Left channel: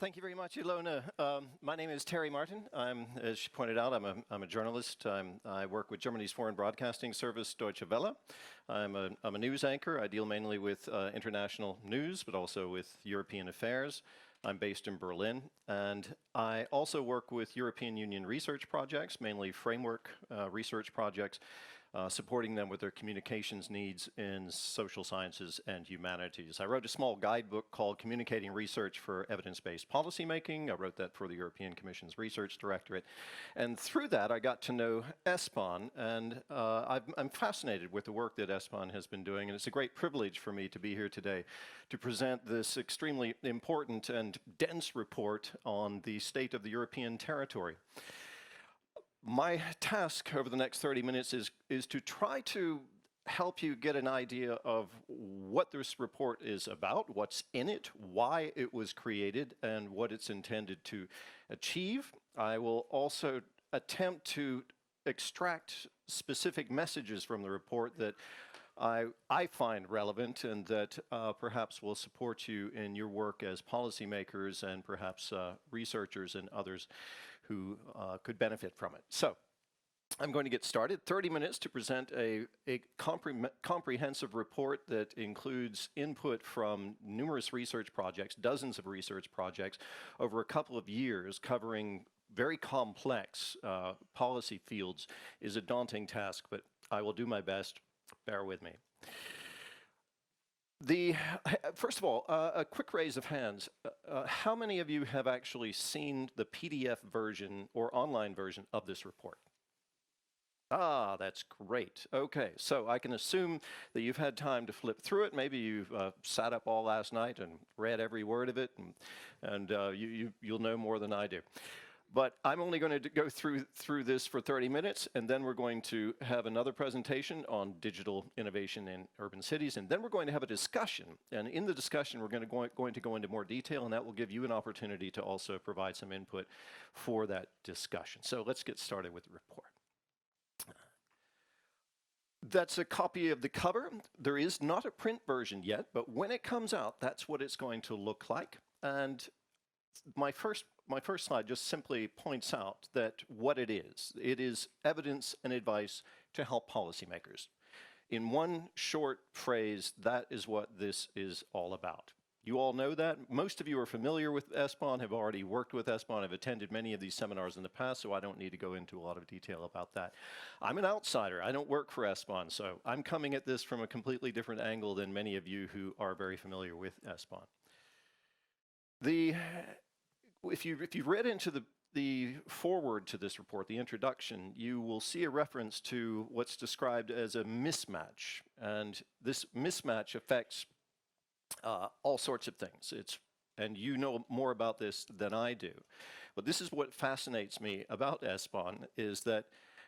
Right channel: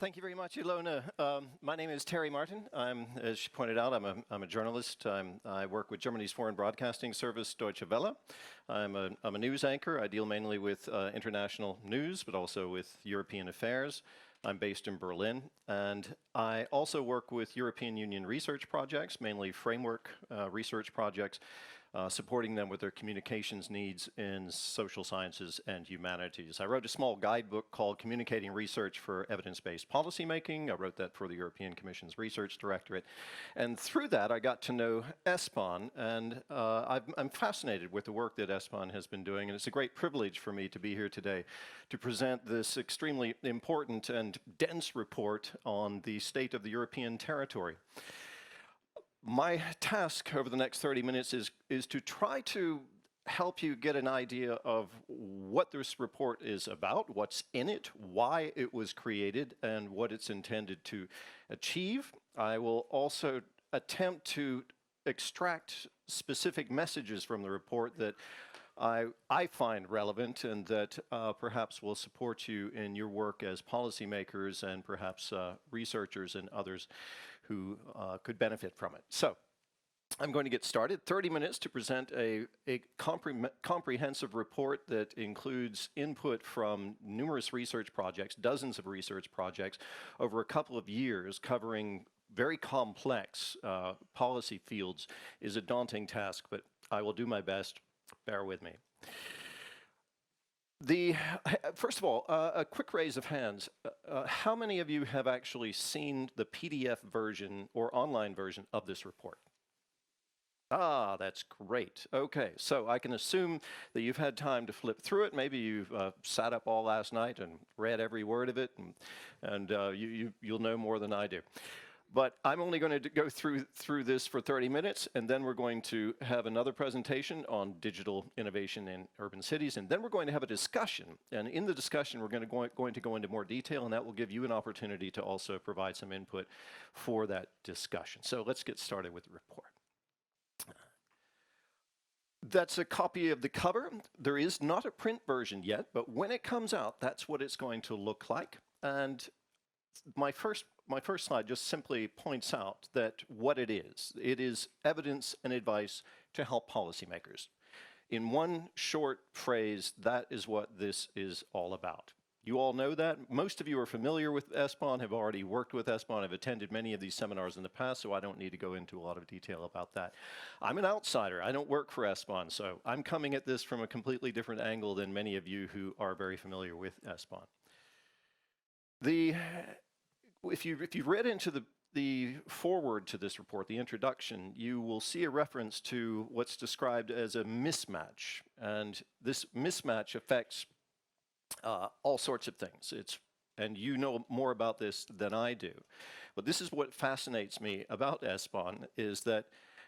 Thank you very much, Ilona. My name is Terry Martin. As she pointed out, I'm a journalist. I work with Germany's foreign broadcasting service, Deutsche Welle. I'm a news anchor. I deal mainly with international news, but also with European affairs. I'm based in Berlin, and I also work with European Union research projects, mainly framework research projects, supporting them with their communications needs in social sciences and humanities. I wrote a small guidebook called Communicating Research for Evidence-Based Policymaking. I wrote that for the European Commission's Research Directorate. And through that, I got to know SBahn, and I'm fascinated with the work that SBahn has been doing, and it's a great privilege for me to be here today to present this extremely important and dense report on the state of the European territory. My task over the next 30 minutes is to try to help you get an idea of what this report is about, what's in it, why it was created, and what it's intended to achieve. I will also attempt to extract specific messages from the report that I find relevant and that perhaps will support you in your work as policymakers and perhaps researchers and others who could benefit from it. So I'm going to get started. 30 minutes to present a comprehensive report that includes input from numerous research projects, dozens of research projects over a couple of years covering very complex policy fields is a daunting task, but I will do my best. Bear with me. First of all, a quick raise of hands. How many of you have actually seen the PDF version or online version of this report? Ah, that's great. Okay, so I can assume that you've had time to flip through it. Maybe you've sat up all last night and read every word of it, and you'll know more than I do. But I'm only going to go through this for 30 minutes, and then we're going to have another presentation on digital innovation in urban cities, and then we're going to have a discussion. And in the discussion, we're going to go into more detail, and that will give you an opportunity to also provide some input for that discussion. So let's get started with the report. That's a copy of the cover. There is not a print version yet, but when it comes out, that's what it's going to look like. And my first slide just simply points out that what it is evidence and advice to help policymakers. In one short phrase, that is what this is all about. You all know that. Most of you are familiar with SBahn, have already worked with SBahn, have attended many of these seminars in the past, so I don't need to go into a lot of detail about that. I'm an outsider. I don't work for SBahn, so I'm coming at this from a completely different angle than many of you who are very familiar with SBahn. If you read into the foreword to this report, the introduction, you will see a reference to what's described as a mismatch. And this mismatch affects all sorts of things. And you know more about this than I do. But this is what fascinates me about SBahn, is that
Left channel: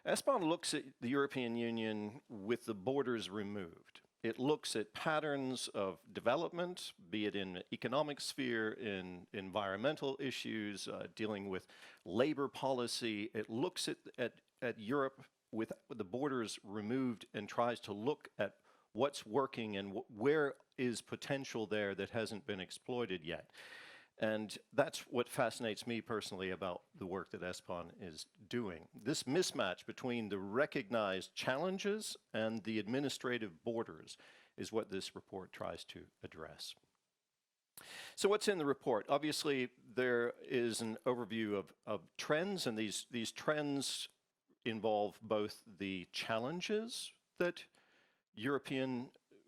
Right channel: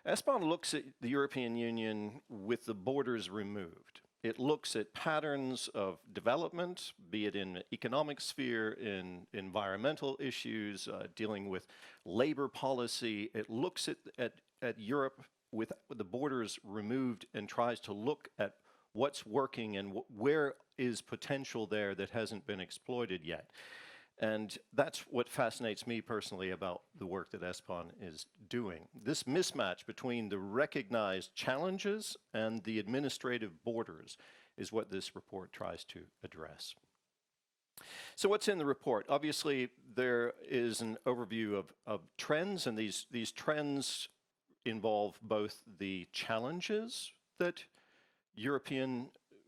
SBahn looks at the European Union with the borders removed. It looks at patterns of development, be it in the economic sphere, in environmental issues, dealing with labor policy. It looks at Europe with the borders removed and tries to look at what's working and where is potential there that hasn't been exploited yet. And that's what fascinates me personally about the work that SBahn is doing. This mismatch between the recognized challenges and the administrative borders is what this report tries to address. So what's in the report? Obviously, there is an overview of trends, and these trends involve both the challenges that European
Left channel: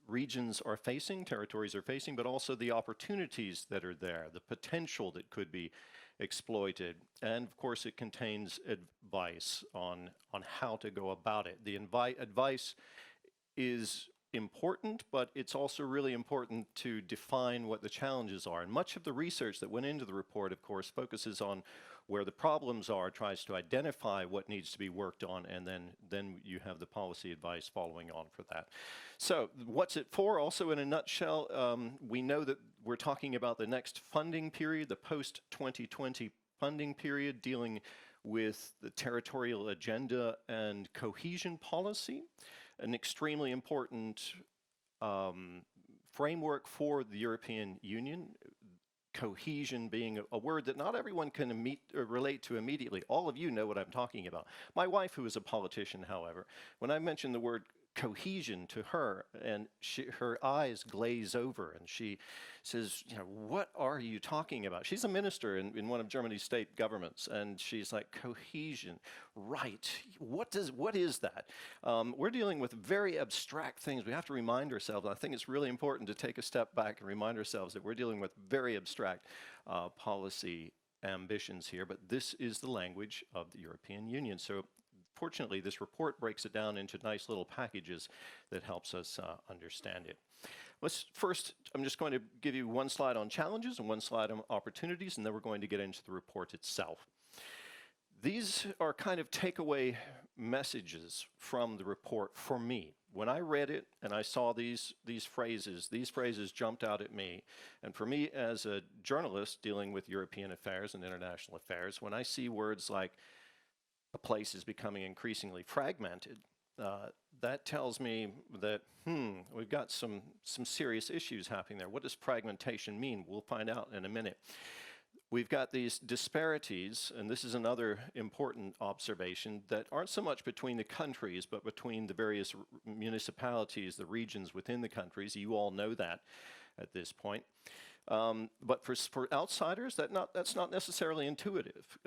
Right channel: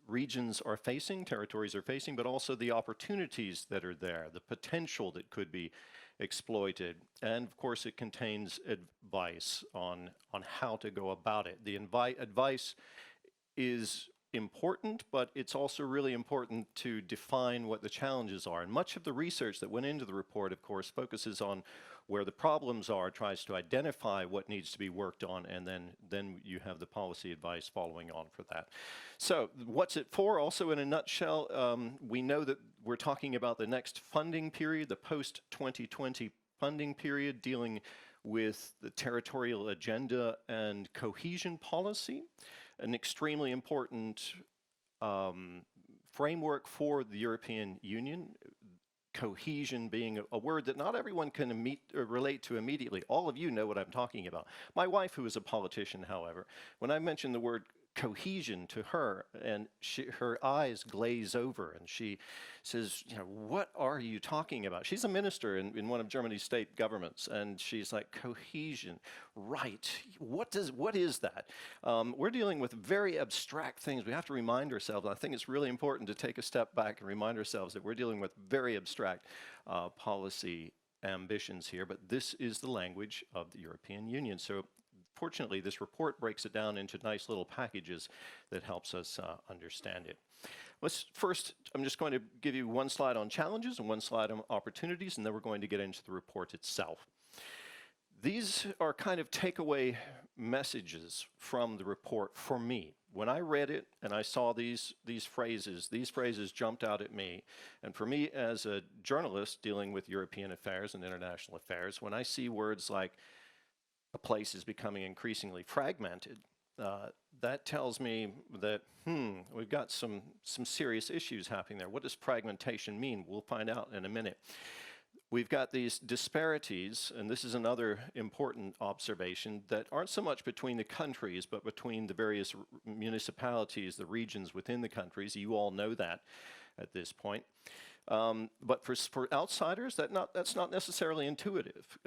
regions are facing, territories are facing, but also the opportunities that are there, the potential that could be exploited. And of course, it contains advice on how to go about it. The advice is important, but it's also really important to define what the challenges are. And much of the research that went into the report, of course, focuses on where the problems are, tries to identify what needs to be worked on, and then you have the policy advice following on for that. So what's it for? Also, in a nutshell, we know that we're talking about the next funding period, the post-2020 funding period, dealing with the territorial agenda and cohesion policy, an extremely important framework for the European Union. cohesion being a word that not everyone can relate to immediately. All of you know what I'm talking about. My wife, who is a politician, however, when I mention the word cohesion to her, and her eyes glaze over, and she says, you know, what are you talking about? She's a minister in one of Germany's state governments, and she's like, cohesion, right? What is that? We're dealing with very abstract things. We have to remind ourselves, I think it's really important to take a step back and remind ourselves that we're dealing with very abstract policy ambitions here, but this is the language of the European Union. So fortunately, this report breaks it down into nice little packages that helps us understand it. First, I'm just going to give you one slide on challenges and one slide on opportunities, and then we're going to get into the report itself. These are kind of takeaway messages from the report for me. When I read it and I saw these phrases jumped out at me. And for me, as a journalist dealing with European affairs and international affairs, when I see words like a place is becoming increasingly fragmented, that tells me that, we've got some serious issues happening there. What does fragmentation mean? We'll find out in a minute. We've got these disparities, and this is another important observation, that aren't so much between the countries, but between the various municipalities, the regions within the countries. You all know that at this point. But for outsiders, that's not necessarily intuitive.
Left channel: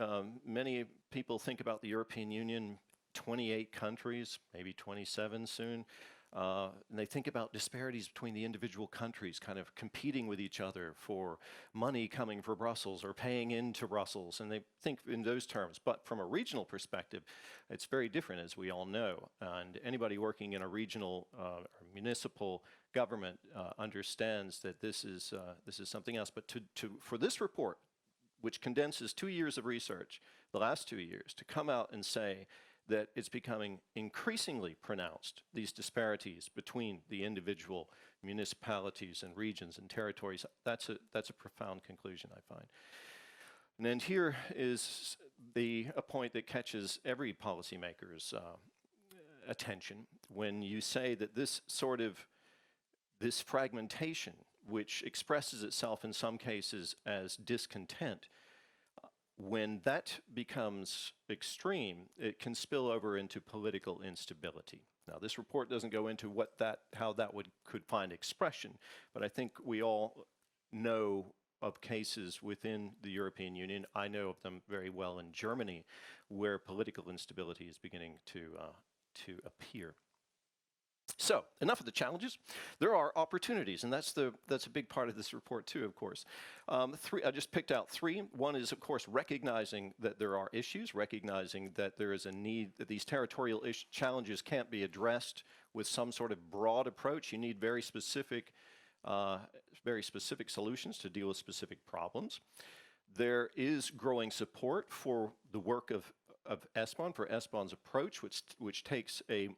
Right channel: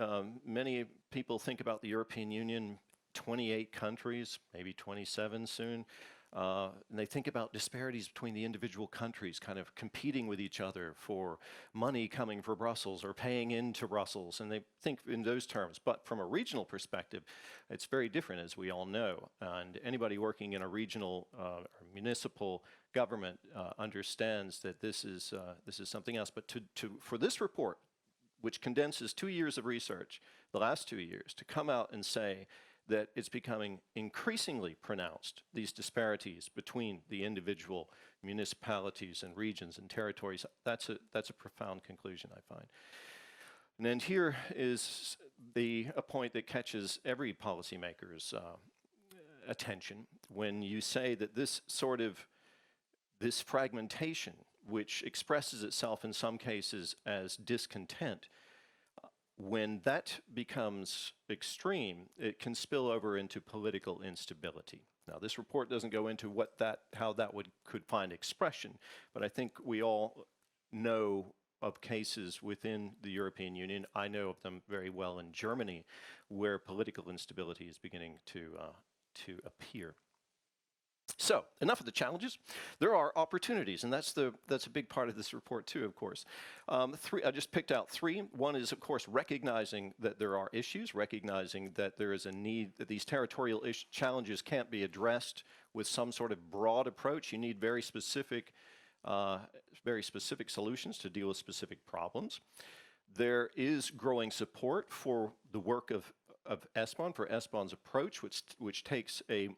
Many people think about the European Union, 28 countries, maybe 27 soon, and they think about disparities between the individual countries kind of competing with each other for money coming for Brussels or paying into Brussels, and they think in those terms. But from a regional perspective, it's very different, as we all know, and anybody working in a regional or municipal government understands that this is something else. But for this report, which condenses 2 years of research, the last 2 years, to come out and say that it's becoming increasingly pronounced, these disparities between the individual municipalities and regions and territories, that's a profound conclusion, I find. And then here is a point that catches every policymaker's attention when you say that this fragmentation, which expresses itself in some cases as discontent, when that becomes extreme, it can spill over into political instability. Now, this report doesn't go into how that could find expression, but I think we all know of cases within the European Union. I know of them very well in Germany, where political instability is beginning to appear. So, enough of the challenges. There are opportunities, and that's a big part of this report too, of course. I just picked out three. One is, of course, recognizing that there are issues, recognizing that there is a need, that these territorial challenges can't be addressed with some sort of broad approach. You need very specific solutions to deal with specific problems. There is growing support for the work of SBahn, for SBahn's approach, which takes a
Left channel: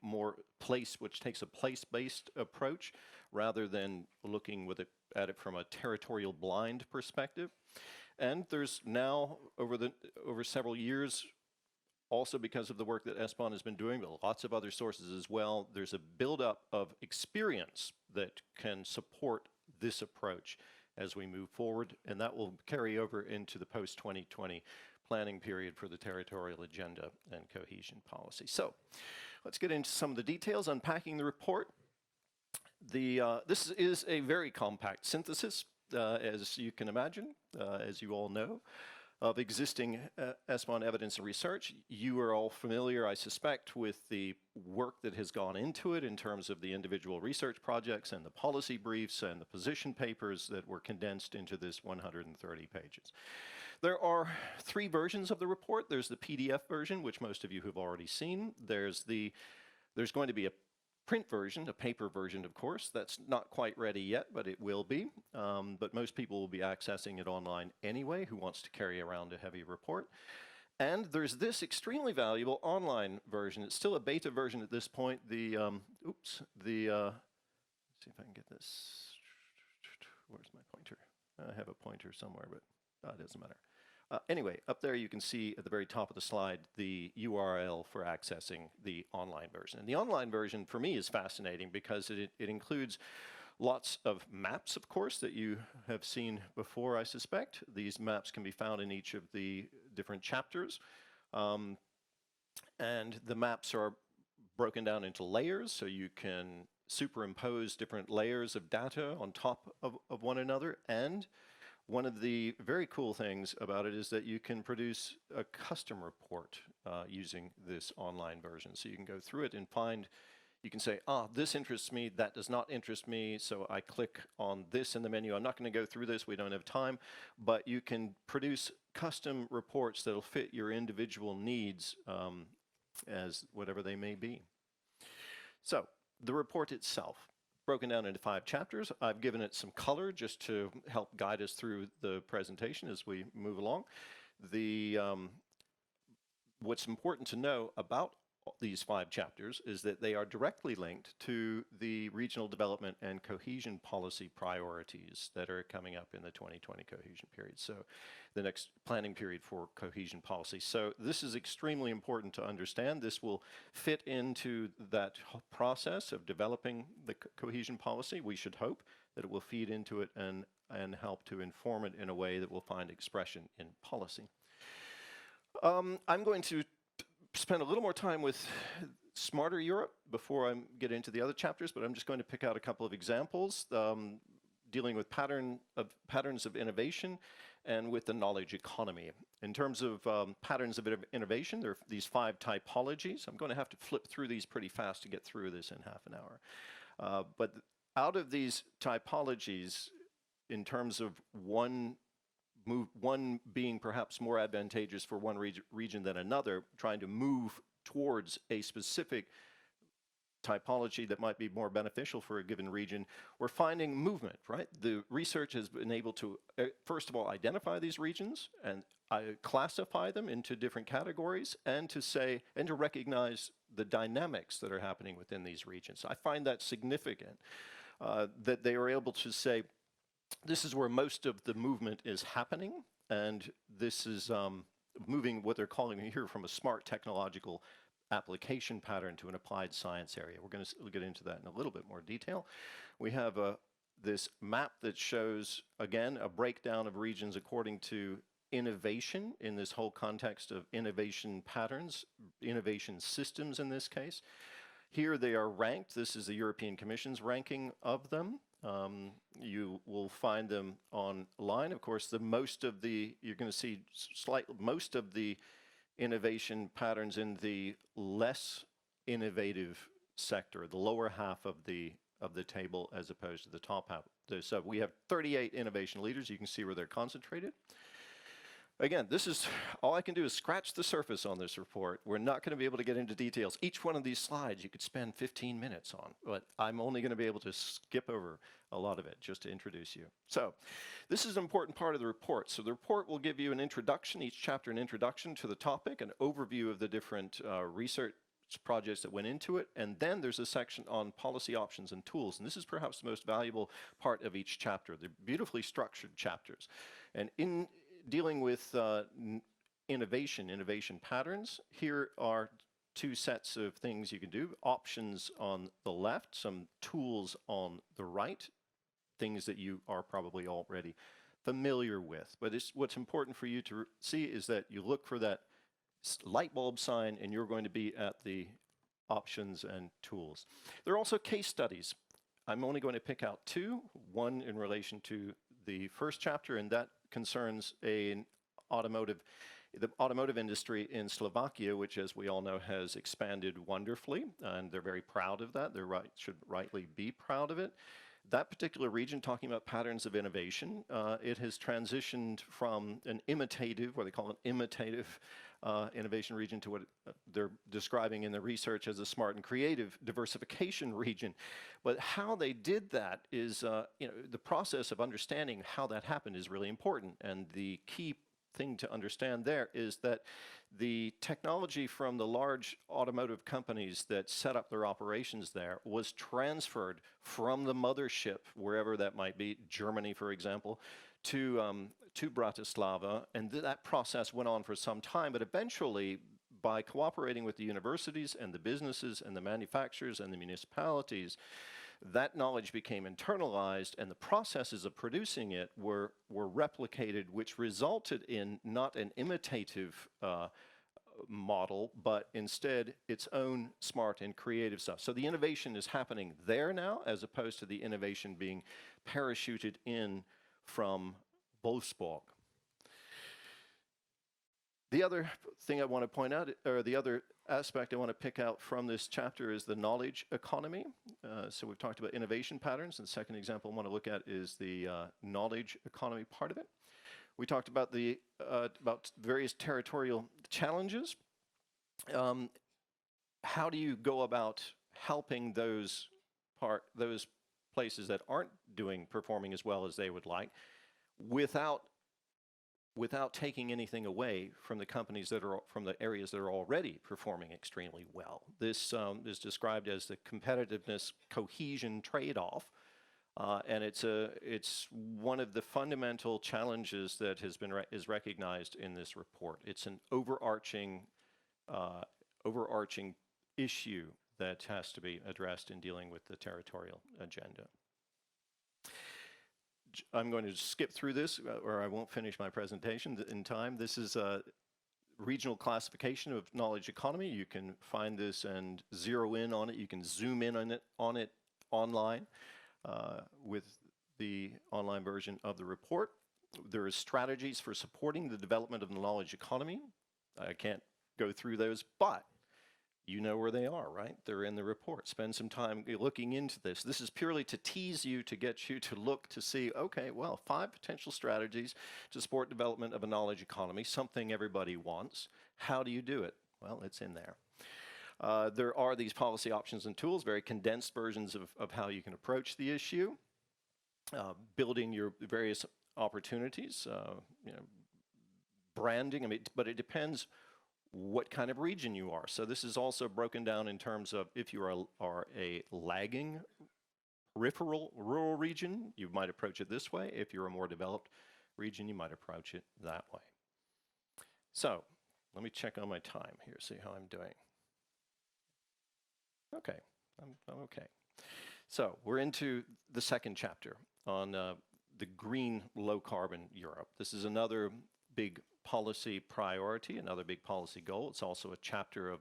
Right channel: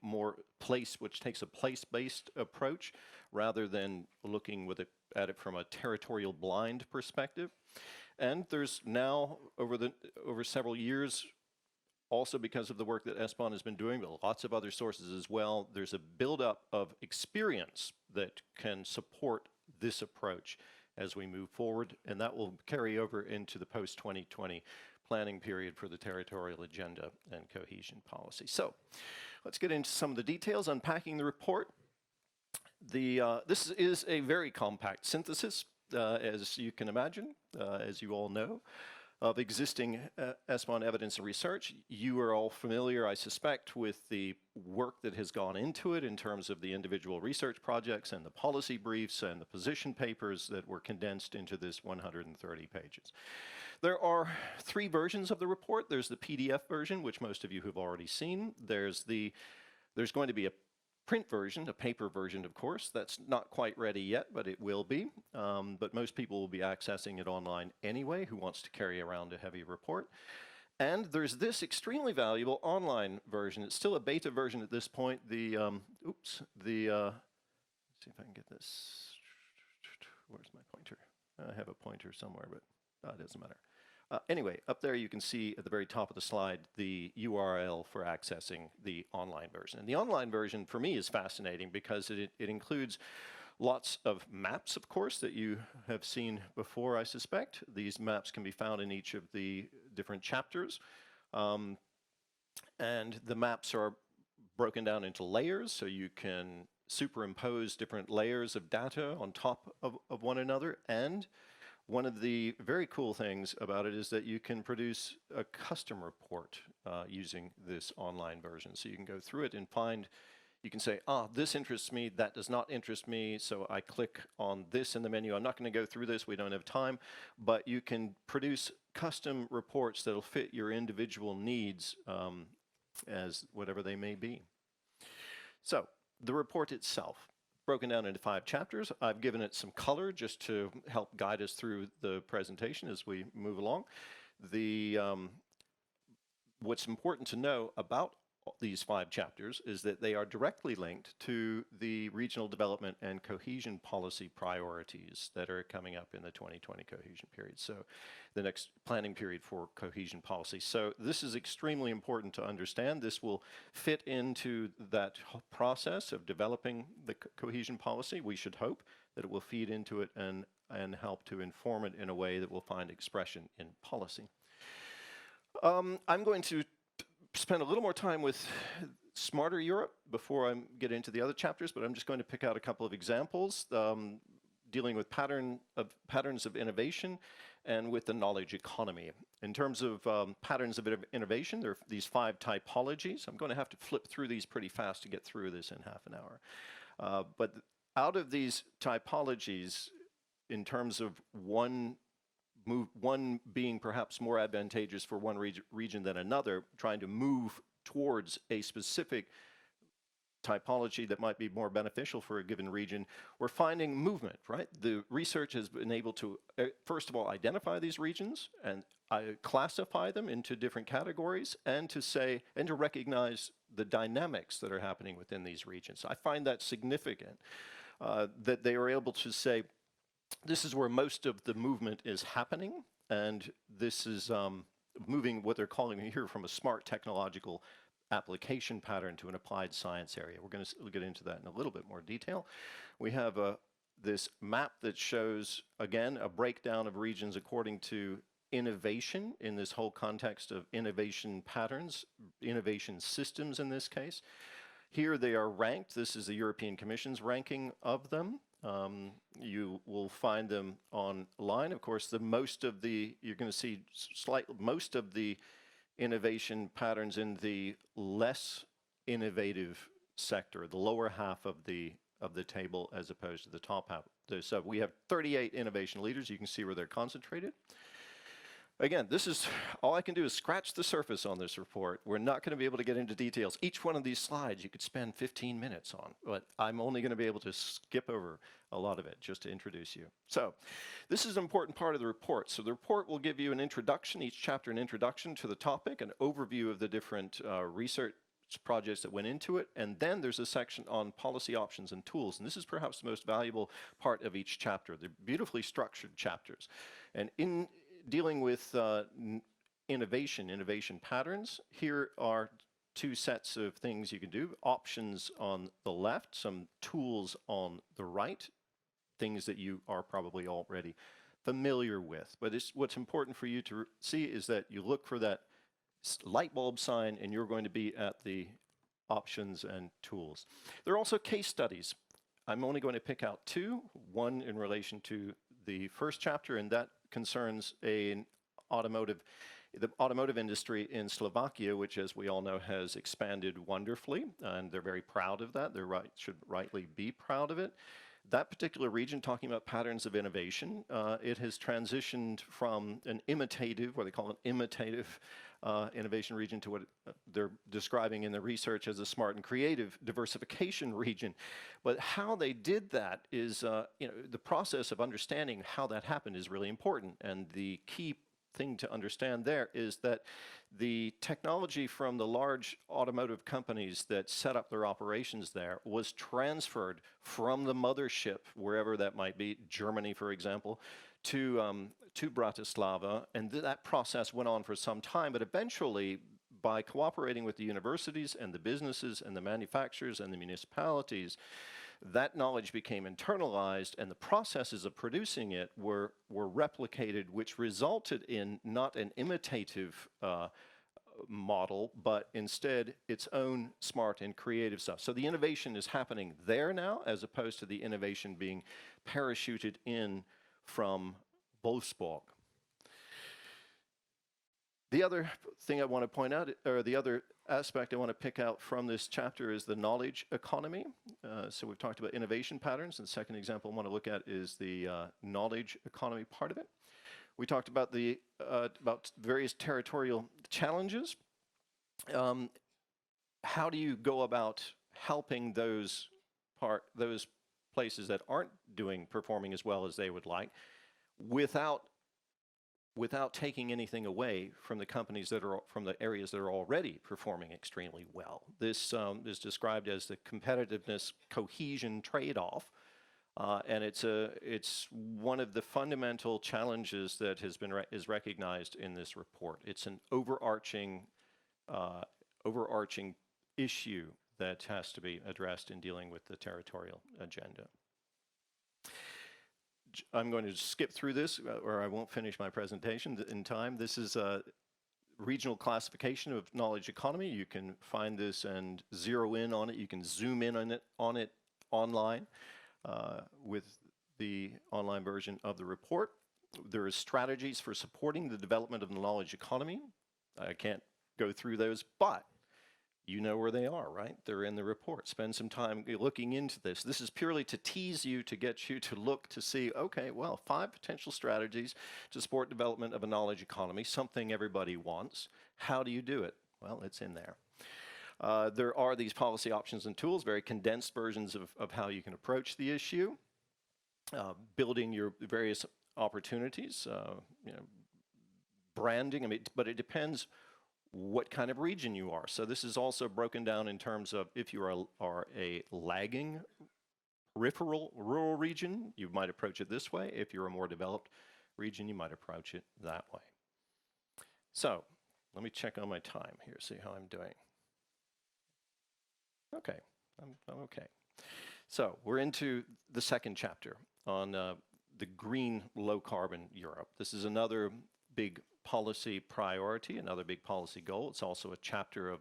place-based approach rather than looking at it from a territorial blind perspective. And there's now, over several years, also because of the work that SBahn has been doing, but lots of other sources as well, there's a buildup of experience that can support this approach as we move forward, and that will carry over into the post-2020 planning period for the territorial agenda and cohesion policy. So let's get into some of the details, unpacking the report. This is a very compact synthesis, as you can imagine, as you all know, of existing SBahn evidence and research. You are all familiar, I suspect, with the work that has gone into it in terms of the individual research projects and the policy briefs and the position papers that were condensed into this 130 pages. There are three versions of the report. There's the PDF version, which most of you have already seen. There's going to be a print version, a paper version, of course. That's not quite ready yet, but it will be. But most people will be accessing it online anyway, who wants to carry around a heavy report. And there's this extremely valuable online version. It's still a beta version at this point. Let's see if I can get this. Where's my pointer? I have a pointer somewhere, but it doesn't matter. Anyway, up there you can see at the very top of the slide the URL for accessing the online version. And the online version for me is fascinating because it includes Lots of maps, of course, that you have seen before, I suspect. These maps can be found in each of the different chapters. And the maps are broken down into layers, so you can superimpose different layers of data on top of one another. And one of the very cool things about it is that you can produce a custom report using this online version. So you can go through it and find, you can say, this interests me, that does not interest me, so I click on this in the menu. I'm not going to go through this, we don't have time, but you can produce custom reports that'll fit your individual needs as whatever they may be. So, the report itself, broken down into 5 chapters. I've given it some color just to help guide us through the presentation as we move along. What's important to know about these 5 chapters is that they are directly linked to the regional development and cohesion policy priorities that are coming up in the 2020 cohesion period. So the next planning period for cohesion policy. So this is extremely important to understand. This will fit into that process of developing the cohesion policy. We should hope that it will feed into it and help to inform it in a way that will find expression in policy. I'm going to spend a little more time with Smarter Europe before I get into the other chapters, but I'm just going to pick out a couple of examples dealing with patterns of innovation and with the knowledge economy. In terms of patterns of innovation, there are these 5 typologies. I'm going to have to flip through these pretty fast to get through this in half an hour. But out of these typologies, in terms of one being perhaps more advantageous for one region than another, trying to move towards a specific typology that might be more beneficial for a given region, we're finding movement, right? The research has been able to, first of all, identify these regions and classify them into different categories and to recognize the dynamics that are happening within these regions. I find that significant, that they are able to say, this is where most of the movement is happening, and this is moving what they're calling here from a smart technological application pattern to an applied science area. We're going to get into that in a little bit more detail. We have this map that shows, again, a breakdown of regions according to innovation in this whole context of innovation patterns, innovation systems in this case. Here they are ranked. This is the European Commission's ranking of them. You will find them online. Of course, you're going to see most of the innovation patterns in the less innovative sector, the lower half of the table as opposed to the top half. So we have 38 innovation leaders. You can see where they're concentrated. Again, this is all I can do is scratch the surface on this report. We're not going to be able to get into details. Each one of these slides you could spend 15 minutes on, but I'm only going to be able to skip over a lot of it just to introduce you. So this is an important part of the report. So the report will give you an introduction, each chapter an introduction to the topic, an overview of the different research projects that went into it, and then there's a section on policy options and tools, and this is perhaps the most valuable part of each chapter. They're beautifully structured chapters. And in dealing with innovation patterns, here are 2 sets of things you can do. Options on the left, some tools on the right, things that you are probably already familiar with. But what's important for you to see is that you look for that light bulb sign and you're going to be at the options and tools. There are also case studies. I'm only going to pick out 2, one in relation to the first chapter, and that concerns the automotive industry in Slovakia, which, as we all know, has expanded wonderfully, and they're very proud of that. They should rightly be proud of it. That particular region, talking about patterns of innovation, it has transitioned from an imitative, what they call an imitative innovation region, to what they're describing in the research as a smart and creative diversification region. But how they did that is, the process of understanding how that happened is really important. And the key thing to understand there is that the technology from the large automotive companies that set up their operations there was transferred from the mothership, wherever that might be, Germany, for example, to Bratislava, and that process went on for some time, but eventually, by cooperating with the universities and the businesses and the manufacturers and the municipalities, that knowledge became internalized, and the processes of producing it were replicated, which resulted in not an imitative model, but instead its own smart and creative stuff. So the innovation is happening there now, as opposed to the innovation being parachuted in from Wolfsburg. The other thing I want to point out, or the other aspect I want to pick out from this chapter, is the knowledge economy. So we've talked about innovation patterns, and the second example I want to look at is the knowledge economy part of it. We talked about the about various territorial challenges. How do you go about helping those places that aren't performing as well as they would like, without taking anything away from the companies that are from the areas that are already performing extremely well? This is described as the competitiveness cohesion trade-off, and it's one of the fundamental challenges that is recognized in this report. It's an overarching issue that has to be addressed in dealing with the territorial agenda. I'm going to skip through this, or I won't finish my presentation in time. This is a regional classification of knowledge economy. You can find this and zero in on it. You can zoom in on it online with the online version of the report. There are strategies for supporting the development of the knowledge economy. I can't go through those, but you know where they are, right? They're in the report. Spend some time looking into this. This is purely to tease you, to get you to look to see, okay, well, 5 potential strategies to support development of a knowledge economy, something everybody wants. How do you do it? Well, it's in there. There are these policy options and tools, very condensed versions of how you can approach the issue, building your various opportunities, branding. I mean, but it depends what kind of region you are. So this is also broken down in terms of if you are a lagging peripheral rural region, you might approach it this way. If you're a more developed region, you might approach it that way. So let me check on my time here, see how I'm doing. Okay, I'm okay. So we're into the second chapter on the green low carbon Europe. This is another big policy priority, another big policy goal. It's also a chapter of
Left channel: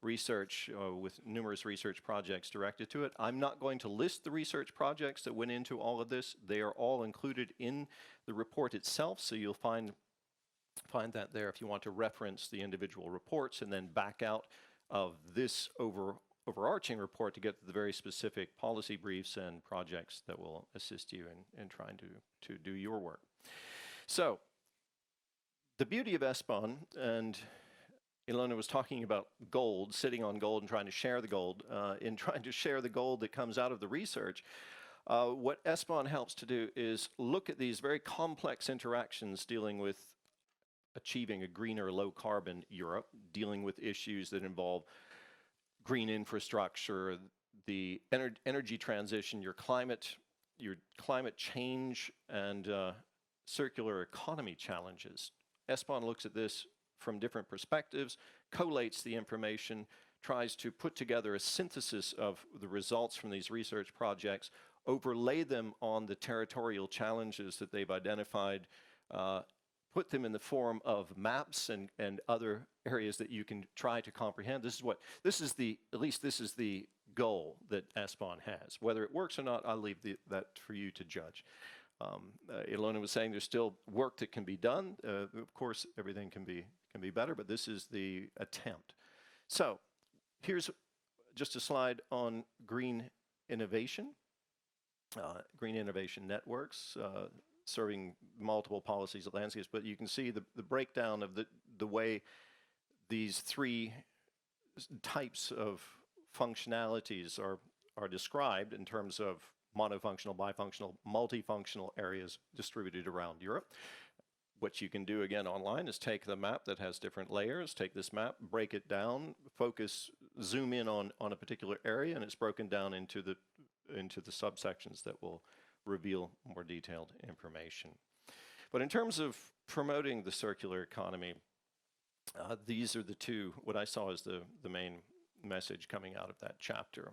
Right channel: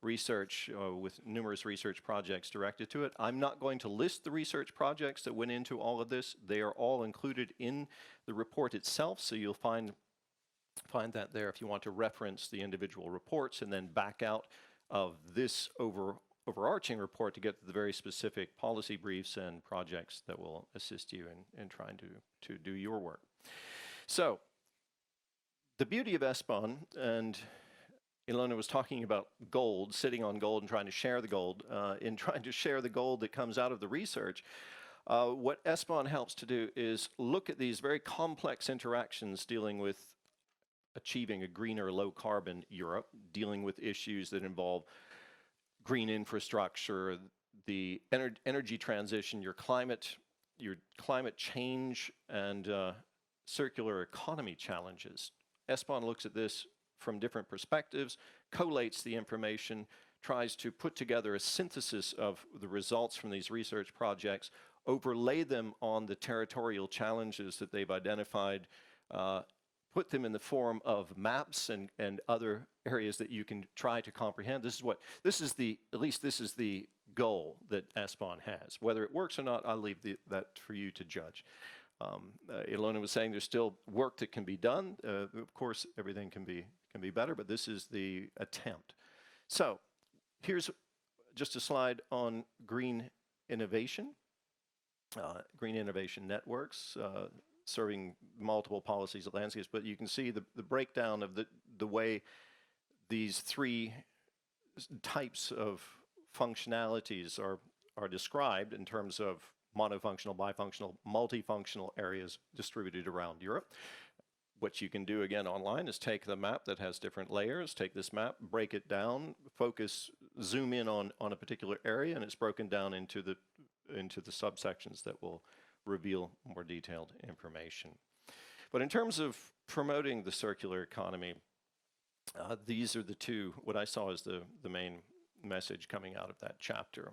research with numerous research projects directed to it. I'm not going to list the research projects that went into all of this. They are all included in the report itself, so you'll find that there if you want to reference the individual reports and then back out of this overarching report to get to the very specific policy briefs and projects that will assist you in trying to do your work. So the beauty of SBahn, and Ilona was talking about gold, sitting on gold and trying to share the gold. In trying to share the gold that comes out of the research, what SBahn helps to do is look at these very complex interactions dealing with achieving a greener, low-carbon Europe, dealing with issues that involve green infrastructure, the energy transition, your climate change, and circular economy challenges. SBahn looks at this from different perspectives, collates the information, tries to put together a synthesis of the results from these research projects, overlay them on the territorial challenges that they've identified, put them in the form of maps and other areas that you can try to comprehend. This is the goal that SBahn has. Whether it works or not, I'll leave that for you to judge. Ilona was saying there's still work that can be done. Of course, everything can be better, but this is the attempt. So here's just a slide on green innovation networks, serving multiple policies and landscapes. But you can see the breakdown of the way these 3 types of functionalities are described in terms of monofunctional, bifunctional, multifunctional areas distributed around Europe. What you can do again online is take the map that has different layers, take this map, break it down, zoom in on a particular area, and it's broken down into the subsections that will reveal more detailed information. But in terms of promoting the circular economy, these are the 2, what I saw as the main message coming out of that chapter.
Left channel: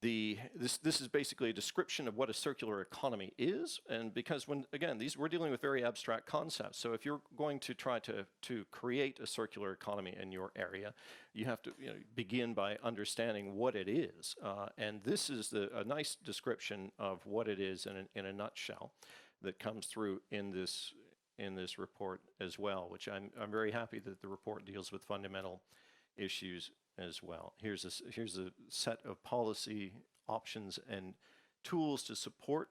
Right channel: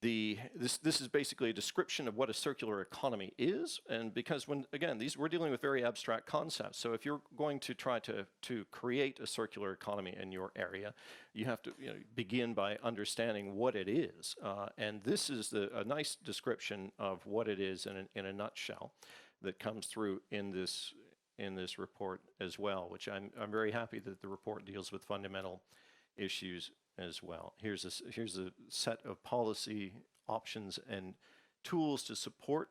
this is basically a description of what a circular economy is, and because we're dealing with very abstract concepts. So if you're going to try to create a circular economy in your area, you have to begin by understanding what it is, and this is a nice description of what it is in a nutshell that comes through in this report as well, which I'm very happy that the report deals with fundamental issues as well. Here's a set of policy options and tools to support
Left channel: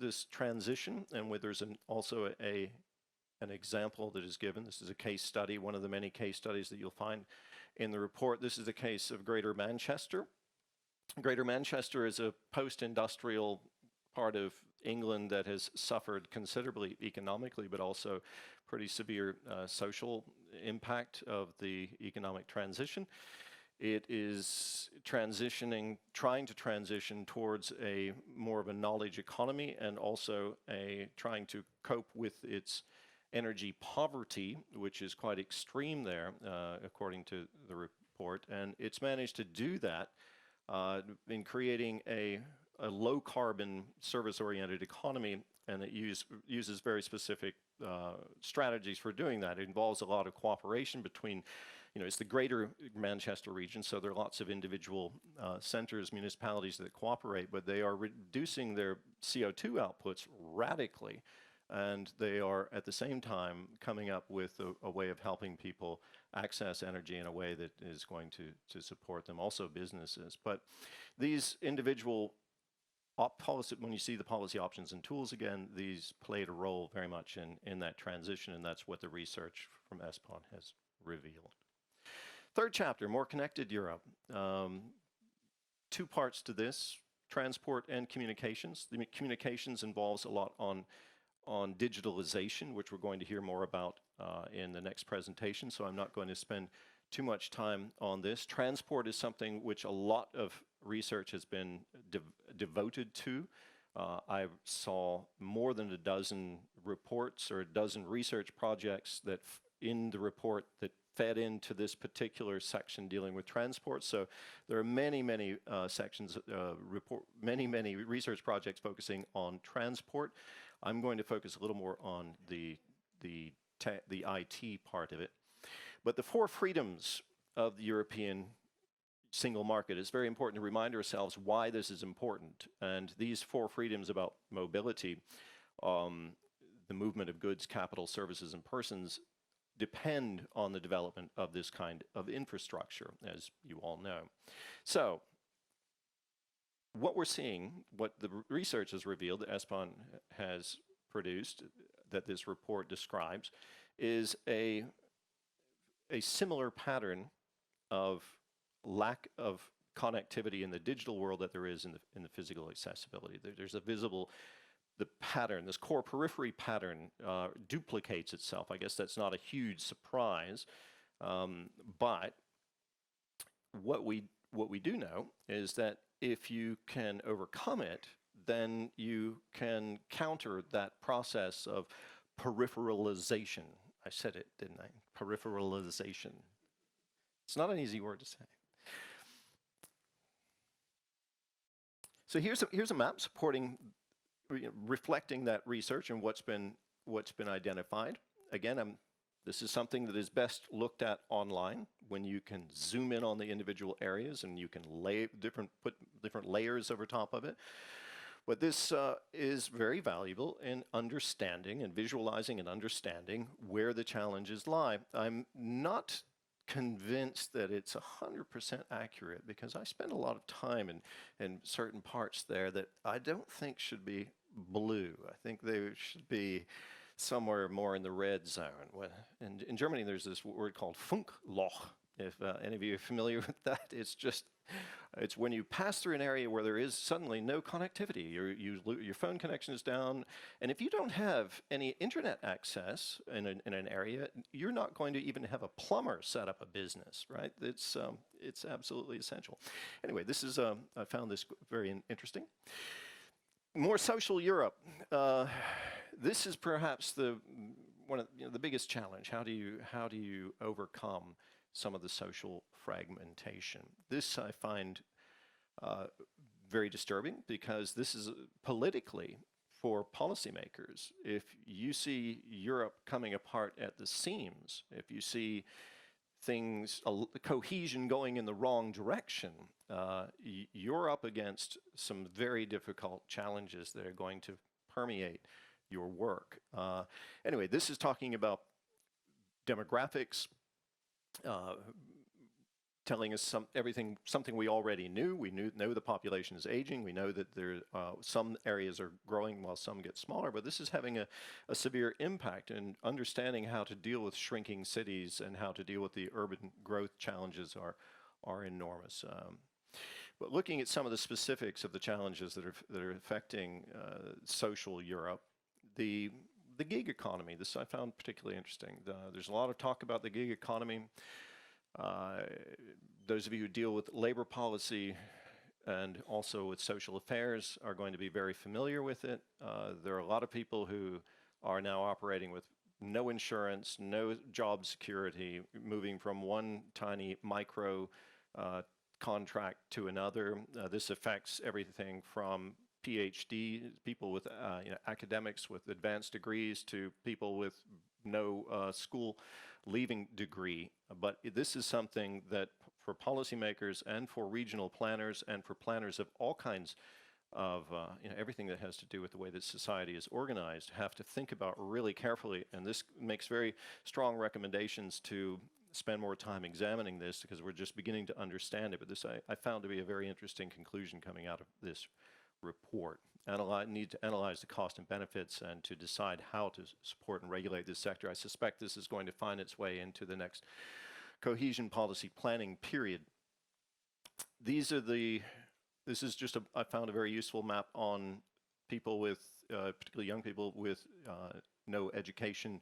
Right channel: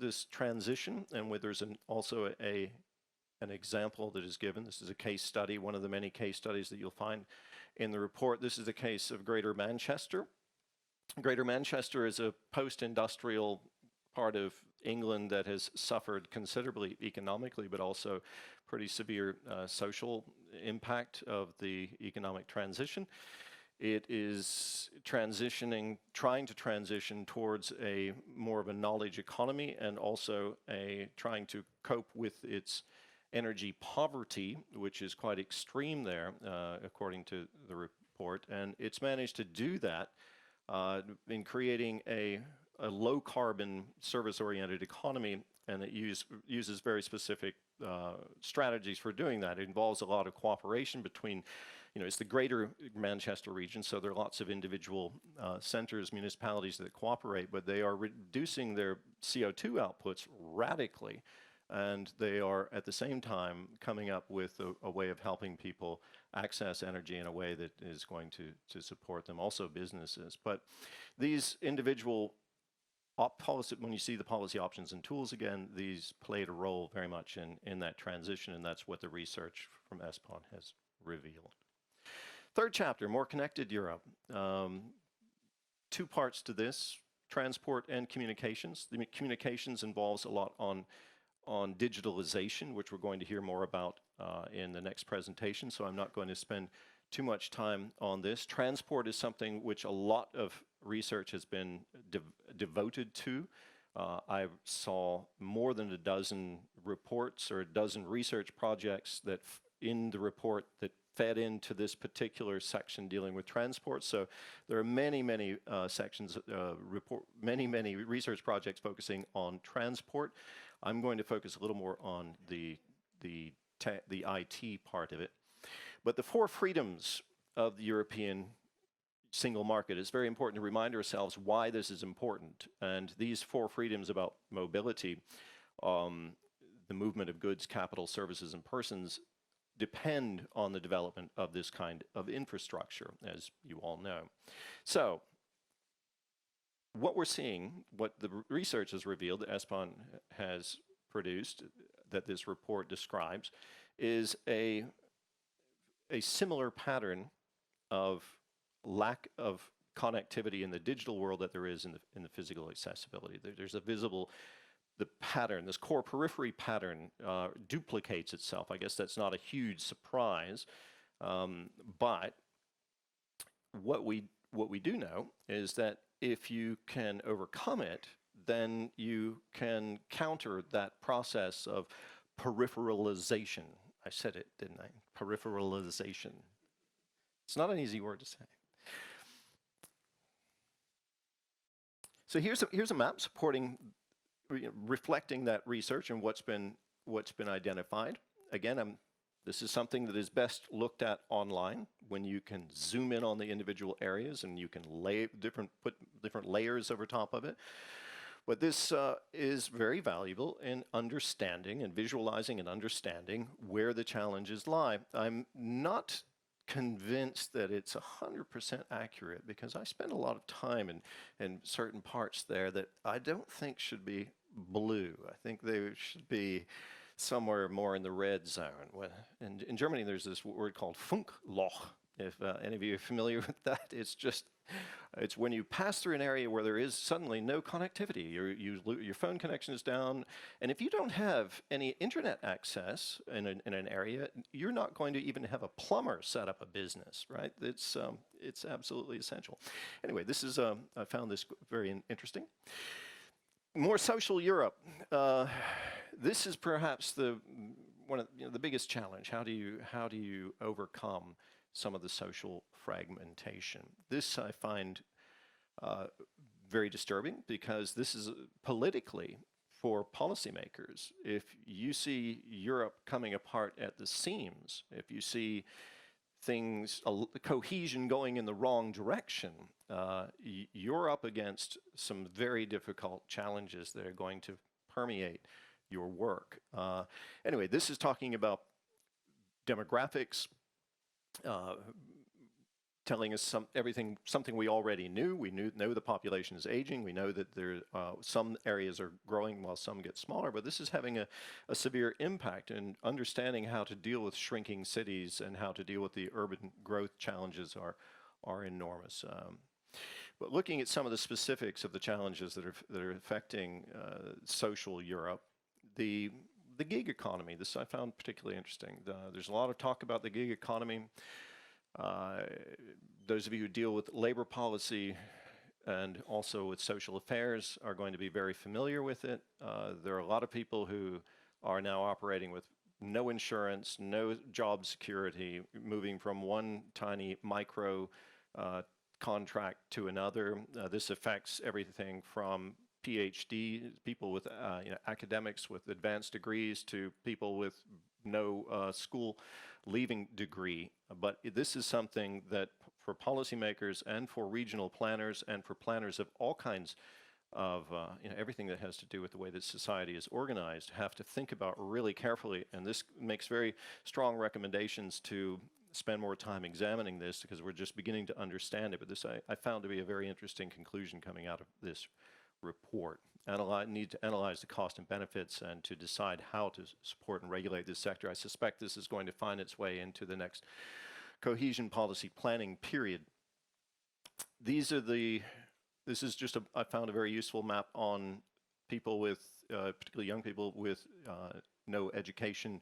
this transition, and there's also an example that is given. This is a case study, one of the many case studies that you'll find in the report. This is the case of Greater Manchester. Greater Manchester is a post-industrial part of England that has suffered considerably economically, but also pretty severe social impact of the economic transition. It is trying to transition towards a more of a knowledge economy, and also trying to cope with its energy poverty, which is quite extreme there, according to the report. And it's managed to do that in creating a low carbon service-oriented economy, and it uses very specific strategies for doing that. It involves a lot of cooperation between, it's the Greater Manchester region, so there are lots of individual centers, municipalities that cooperate, but they are reducing their CO2 outputs radically, and they are at the same time coming up with a way of helping people access energy in a way that is going to support them, also businesses. But these individual when you see the policy options and tools again, these played a role very much in that transition, and that's what the research from SBahn has revealed. Third chapter, More Connected Europe. Two parts to this, transport and communications. The communications involves a lot on digitalization, which we're going to hear more about in the next presentation, so I'm not going to spend too much time on this. Transport is something which a lot of research has been devoted to. I saw more than a dozen reports or a dozen research projects that in the report that fed into this particular section dealing with transport. So there are many sections, many research projects focusing on transport. I'm going to focus a little more on the IT part of it. But the four freedoms of the European single market, it's very important to remind ourselves why this is important. And these four freedoms about mobility, the movement of goods, capital, services, and persons, depend on the development of this kind of infrastructure, as you all know. So what we're seeing, what the research has revealed, that SBahn has produced, that this report describes, is a similar pattern of lack of connectivity in the digital world that there is in the physical accessibility. There's a visible, the pattern, this core periphery pattern duplicates itself. I guess that's not a huge surprise, but what we do know is that if you can overcome it, then you can counter that process of peripheralization. I said it, didn't I? Peripheralization. It's not an easy word to say. So here's a map supporting, reflecting that research and what's been identified. Again, this is something that is best looked at online when you can zoom in on the individual areas and you can put different layers over top of it. But this is very valuable in understanding and visualizing and understanding where the challenges lie. I'm not convinced that it's 100% accurate because I spend a lot of time in certain parts there that I don't think should be blue. I think they should be somewhere more in the red zone. In Germany, there's this word called Funkloch. If any of you are familiar with that, it's when you pass through an area where there is suddenly no connectivity. Your phone connection is down, and if you don't have any internet access in an area, you're not going to even have a plumber set up a business, right? It's absolutely essential. Anyway, this is I found this very interesting. More social Europe. This is perhaps one of the biggest challenge. How do you overcome some of the social fragmentation. This I find very disturbing, because this is politically, for policymakers, if you see Europe coming apart at the seams, if you see things, cohesion going in the wrong direction, you're up against some very difficult challenges that are going to permeate your work. Anyway, this is talking about demographics, telling us something we already knew. We know the population is aging. We know that some areas are growing while some get smaller, but this is having a severe impact, and understanding how to deal with shrinking cities and how to deal with the urban growth challenges are enormous. But looking at some of the specifics of the challenges that are affecting social Europe, the gig economy, this I found particularly interesting. There's a lot of talk about the gig economy. Those of you who deal with labor policy and also with social affairs are going to be very familiar with it. There are a lot of people who are now operating with no insurance, no job security, moving from one tiny micro contract to another. This affects everything from PhD, people with academics with advanced degrees, to people with no school leaving degree. But this is something that for policymakers and for regional planners and for planners of all kinds of everything that has to do with the way that society is organized have to think about really carefully. And this makes very strong recommendations to spend more time examining this, because we're just beginning to understand it. But this I found to be a very interesting conclusion coming out of this report. Need to analyze the cost and benefits and to decide how to support and regulate this sector. I suspect this is going to find its way into the next cohesion policy planning period. This is just I found a very useful map on people with, particularly young people with no education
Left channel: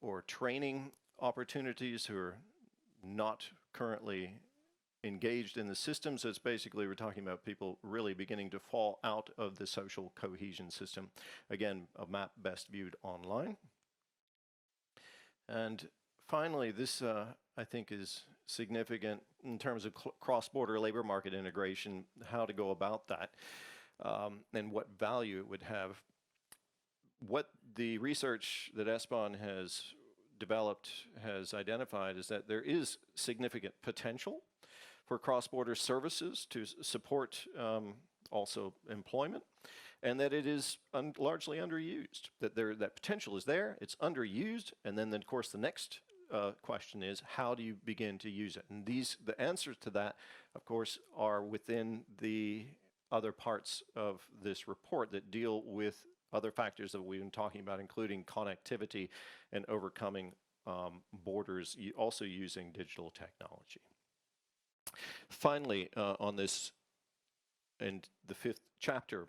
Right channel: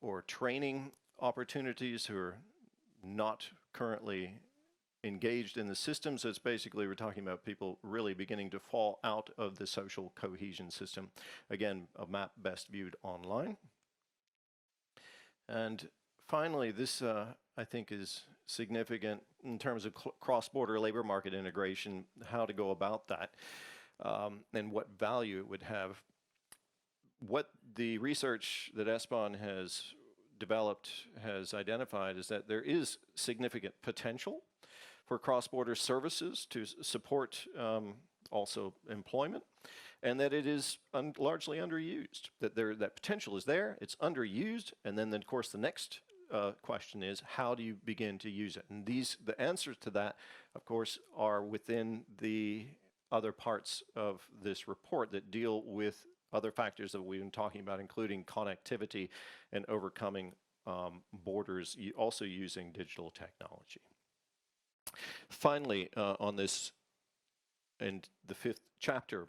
or training opportunities, who are not currently engaged in the system. So it's basically, we're talking about people really beginning to fall out of the social cohesion system. Again, a map best viewed online. And finally, this I think is significant in terms of cross-border labor market integration, how to go about that, and what value it would have. What the research that SBahn has developed has identified is that there is significant potential for cross-border services to support also employment, and that it is largely underused. That potential is there, it's underused, and then of course the next question is, how do you begin to use it? And the answers to that, of course, are within the other parts of this report that deal with other factors that we've been talking about, including connectivity and overcoming borders, also using digital technology. Finally, on this, and the 5th chapter,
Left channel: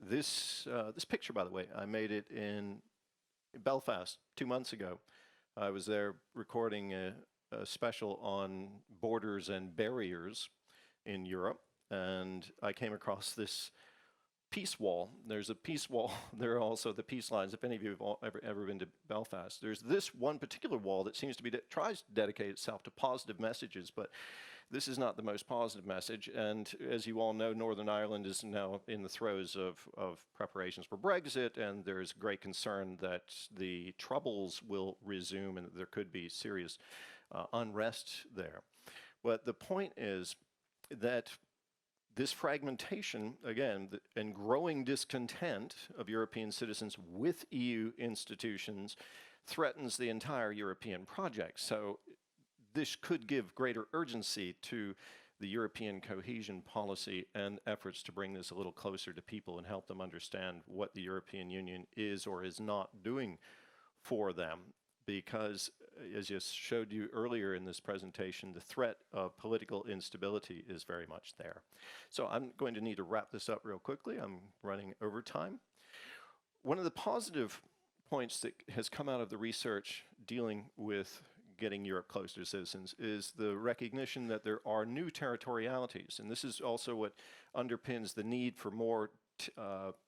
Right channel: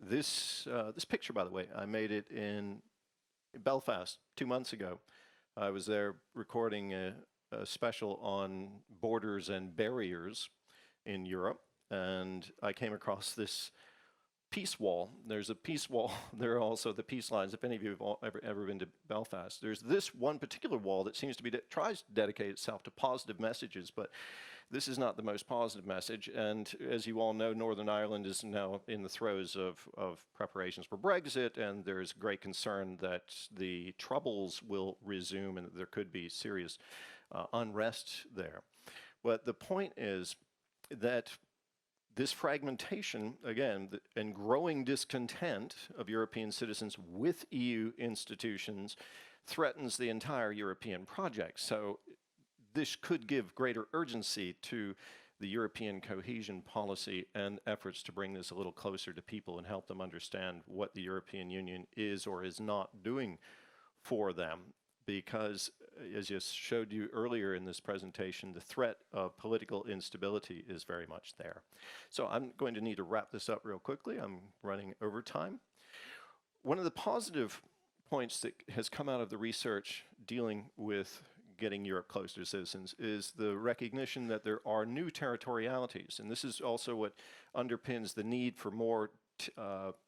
this picture, by the way, I made it in Belfast 2 months ago. I was there recording a special on borders and barriers in Europe, and I came across this peace wall. There's a peace wall. There are also the peace lines. If any of you have ever been to Belfast, there's this one particular wall that seems to be tries to dedicate itself to positive messages, but this is not the most positive message. And as you all know, Northern Ireland is now in the throes of preparations for Brexit, and there's great concern that the troubles will resume and that there could be serious unrest there. But the point is that this fragmentation, again, and growing discontent of European citizens with EU institutions threatens the entire European project. So this could give greater urgency to the European cohesion policy and efforts to bring this a little closer to people and help them understand what the European Union is or is not doing for them. Because, as I showed you earlier in this presentation, the threat of political instability is very much there. So I'm going to need to wrap this up real quickly. I'm running over time. One of the positive points that has come out of the research dealing with getting Europe closer to citizens is the recognition that there are new territorialities. And this is also what underpins the need for more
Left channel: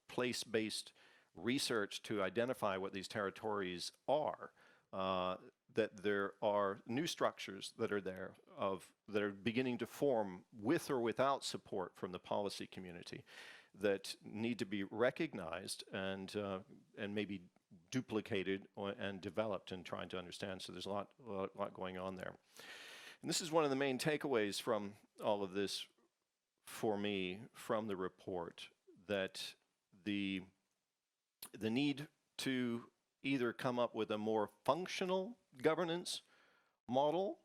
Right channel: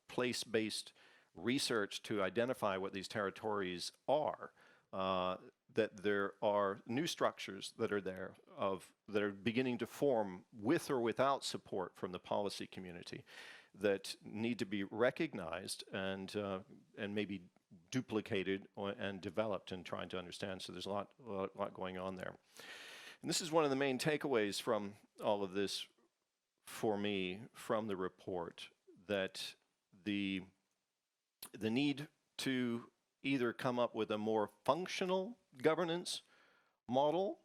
place-based research to identify what these territories are. that there are new structures that are there that are beginning to form with or without support from the policy community that need to be recognized and maybe duplicated and developed and trying to understand. So there's a lot going on there. And this is one of the main takeaways from all of this for me from the report, that the need to either come up with a more functional governance model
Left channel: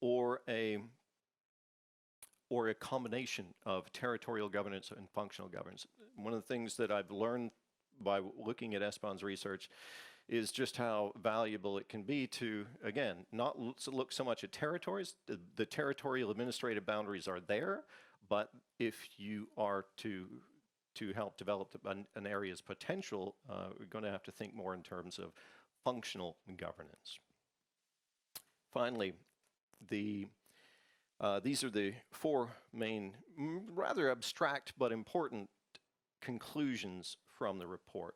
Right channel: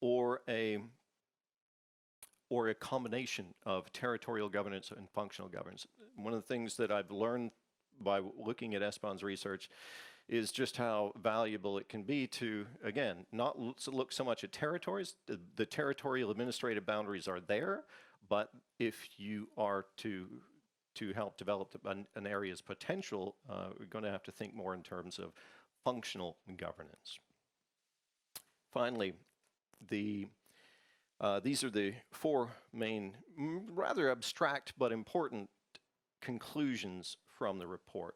or a combination of territorial governance and functional governance. One of the things that I've learned by looking at SBahn's research is just how valuable it can be to, again, not look so much at territories. The territorial administrative boundaries are there, but if you are to help develop an area's potential, we're going to have to think more in terms of functional governance. Finally, these are the four main, rather abstract but important conclusions from the report.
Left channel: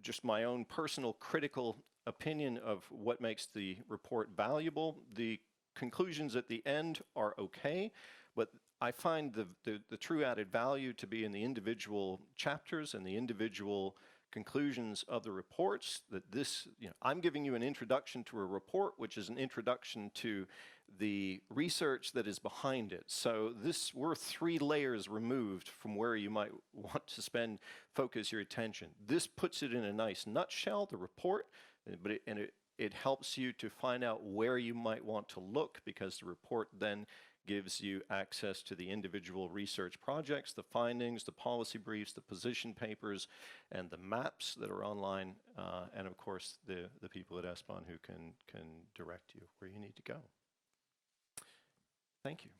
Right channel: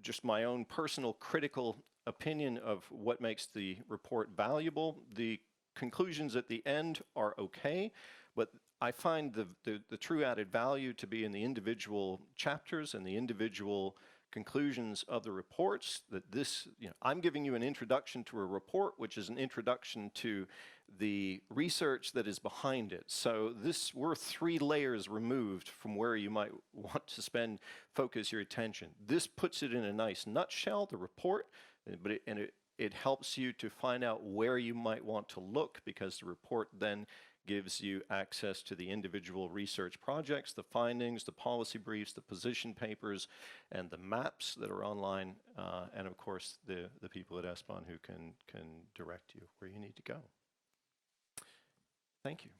Just my own personal critical opinion of what makes the report valuable. The conclusions at the end are okay, but I find the true added value to be in the individual chapters and the individual conclusions of the reports. That this, I'm giving you an introduction to a report, which is an introduction to the research that is behind it. So we're 3 layers removed from where you might want to focus your attention. This puts it in a nice nutshell, the report, but it helps you to find out where you might want to look, because the report then gives you access to the individual research projects, the findings, the policy briefs, the position papers, and the maps that are online, and of course the people at SBahn who can direct you where you need to go. Thank you.